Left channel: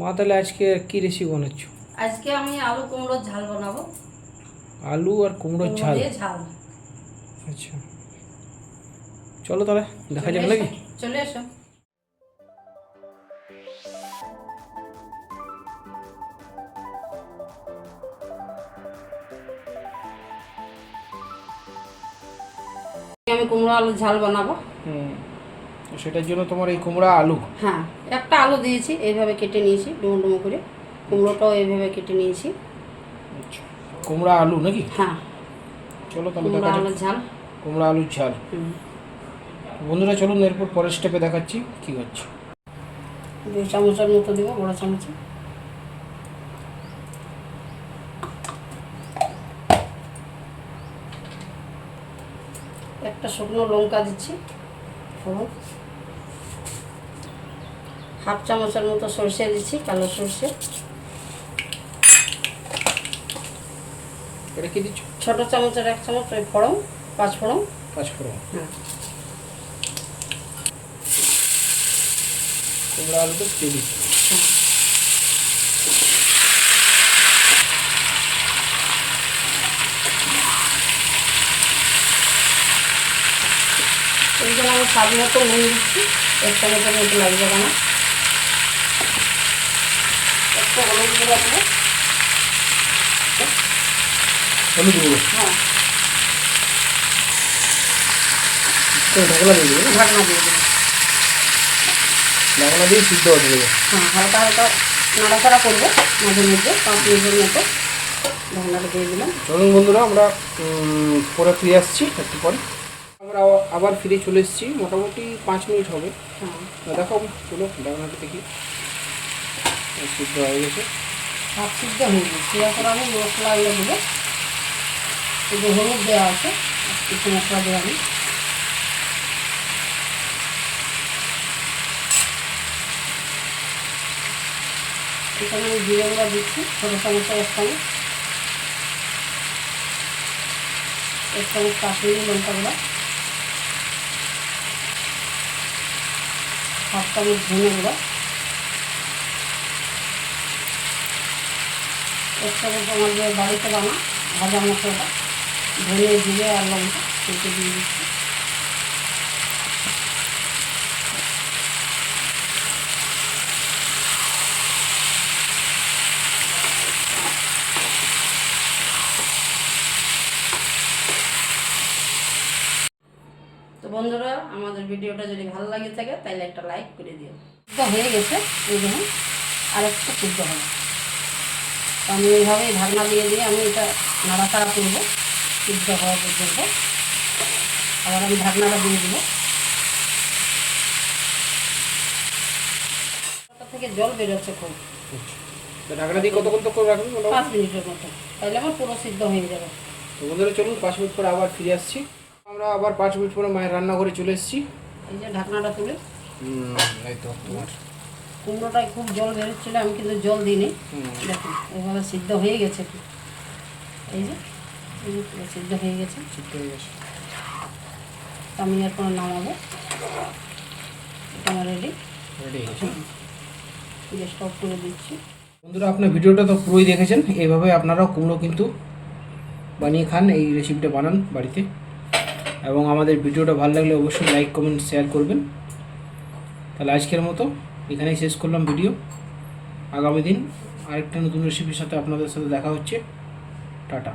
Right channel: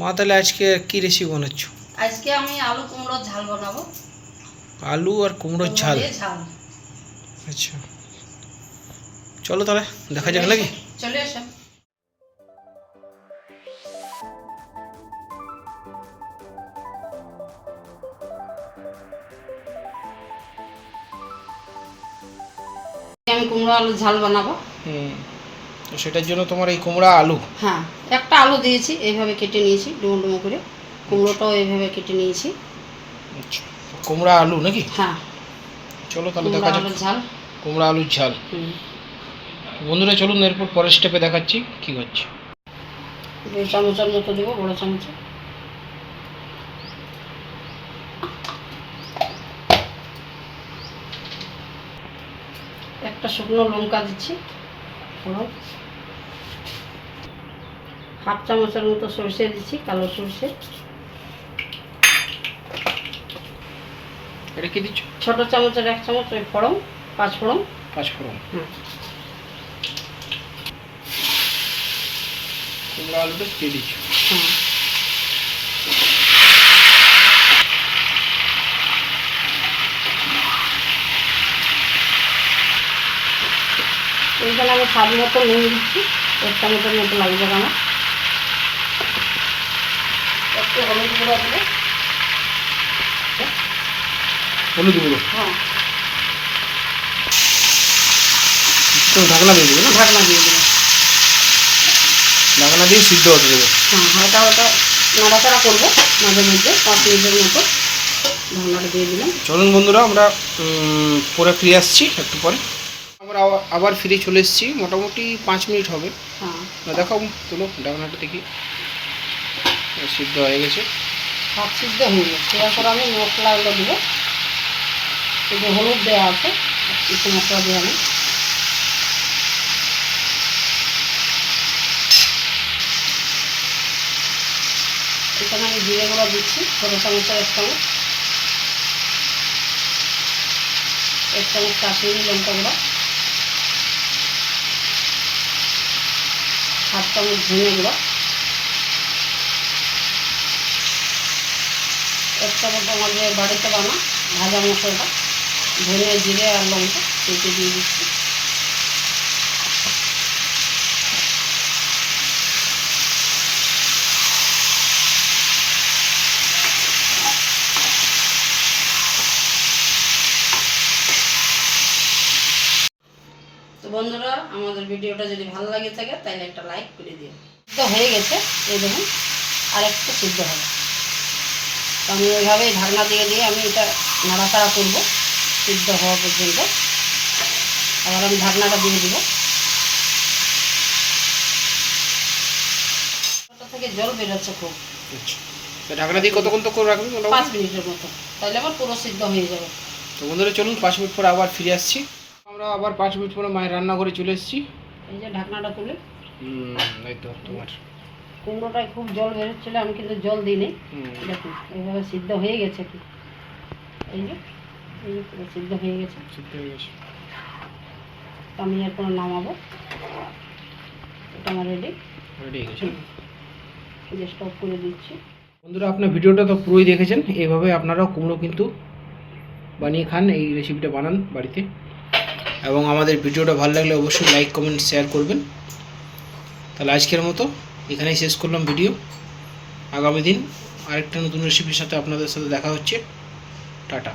মা তাহলে আজকে কি রেসিপি বানাচ্ছ? আজকে আমি আলু কুমড়োর ঝাল বানাবো। আলু আর কুমড়োর কুমড়ো ঝাল। দিয়ে ঝাল। আচ্ছা, চলো তাহলে দেখা চলে যাক নাকি। এসো, চলে এসো। আমি কুমড়ো আলুর ঝাল বানাবো। তো সেটার জন্য তোমার এই কুমড়া আলু। হ্যাঁ, একটা আলু দিয়েছি, এইভাবে কেটে নিয়েছি ডুমো ডুমো করে। কুমড়োটাও এইভাবে কেটে নিয়েছি। আচ্ছা, কুমড়া আলু নাকি? হ্যাঁ, চলো তাহলে কুমড়ো দেখা যাক। আলুর ঝাল। কুমড়া আলুর ঝাল। বন্ধুরা চলুন এরপর পরের স্টেপে দেখাচ্ছি কি হচ্ছে। 2 চামচের মতো দেবো, বড় চামচে। একটা শুকনো লঙ্কা দিচ্ছি, ফোড়ন। 1/2 চামচের মতো সরষে দিচ্ছি, কালো সরষে। এটা কি দিচ্ছ? ছোট চামচের 1 চামচ ওই ফোড়ন, 5 ফোড়ন। 5 ফোড়ন। কুমড়া আলুটা দিয়ে দিচ্ছ। এইখানে আমি স্বাদ মতো নুন দিচ্ছি, 1 চামচের মতো লাগবে আমার। একটু হলুদ গুঁড়ো দেবো। হলুদ গুঁড়ো। হ্যাঁ, তো ঢাকনা দিয়ে দেবো না? ঢাকনা দিয়ে দেবো। ঢাকনা দিয়ে সিদ্ধ হতে দেবো। হ্যাঁ, হালকা হালকা নাড়াচাড়া করবো মাঝে মধ্যে, 5 মিনিটের মতো। ঢাকনাটা দিয়ে দিলাম। চলুন বন্ধুরা আমরা পরে ফিরে আসছি একটু পরে। আমরা আবার ফিরে চলে এসেছি, মোটামুটি 5 মিনিট হবে। হ্যাঁ, দেখো তোলো ঢাকনাটা দেখি, সিদ্ধ হয়ে গেছে। ভাত সিদ্ধ হয়ে গেছে। এরপর আমি মশলাগুলো দেবো। এই যে হলুদ দেওয়া আছে, আর কিছু মশলা দেওয়া নেই। এখানে আমি জিরে গুঁড়ো দিচ্ছি, ছোটো চামচের 1 চামচ। 1 চামচ কাশ্মীরি লঙ্কা গুঁড়ো। 1/2 চামচ ধনে গুঁড়ো। 1 চামচ আমাদের বাড়িতে বানা ভাজা মশলাটা, ধনে জিরে আর লঙ্কা কেটে দিয়ে দিচ্ছি। তো বন্ধুরা, আমাদের ভিডিওটা যদি ভালো লাগে থাকে তাহলে একটা লাইক করে দিও। তো হয়ে গেছে, এই দেখুন আরেকটু সিদ্ধ হবে। আমি এইভাবেই ঢাকনা দিয়ে দিয়ে আমি এটা নাড়াচাড়া করবো সিদ্ধ হওয়া পর্যন্ত। আবার আমি ঢাকনাটা দিয়ে দেবো। ওটা থেকে জল বেরোচ্ছে খুব। আচ্ছা, ঢাকনা দিয়ে কতক্ষণ তো করে রাখবেন? 5 মিনিটের মতো, তাহলে আমার পুরো সিদ্ধ হয়ে যাবে। তো বন্ধুরা চলুন 5 মিনিট পরে আবার ফিরে আসছি। আমরা আবার 5 মিনিট পরে মায়ের রান্নাঘরে চলে এসেছি। এই যে ঢাকনাটা তুলে, এই তো তোমার কুমড়োটায় খুব জল বেরোচ্ছিলো, আমি কিন্তু জল দিইনি। দেখুন এইভাবে সিদ্ধ হয়ে গেছে কি, এই যে পুরো সিদ্ধ হয়ে গেছে। সিদ্ধ হয়ে গেছে। তো আমি এখন নামাবো। এটা আমার রেডি হয়ে গেছে। গ্যাসটা অফ করে দিচ্ছি। বন্ধুরা আপনার ভিডিওটা তো পুরোই দেখেছেন, এইভাবে আপনারাও কুমড়ো কিন্তু বানিয়ে খান, এই রেসিপিটা বানান বাড়িতে। এবং আমাদের ভিডিওটা ভালো লাগলে অবশ্যই লাইক কমেন্ট শেয়ার করবেন। তাহলে আজকের মতো এখানেই শেষ করলাম ভিডিও। আগামী দিন আরেকটা নতুন রেসিপির সাথে আপনাদের সাথে দেখা হচ্ছে। টাটা।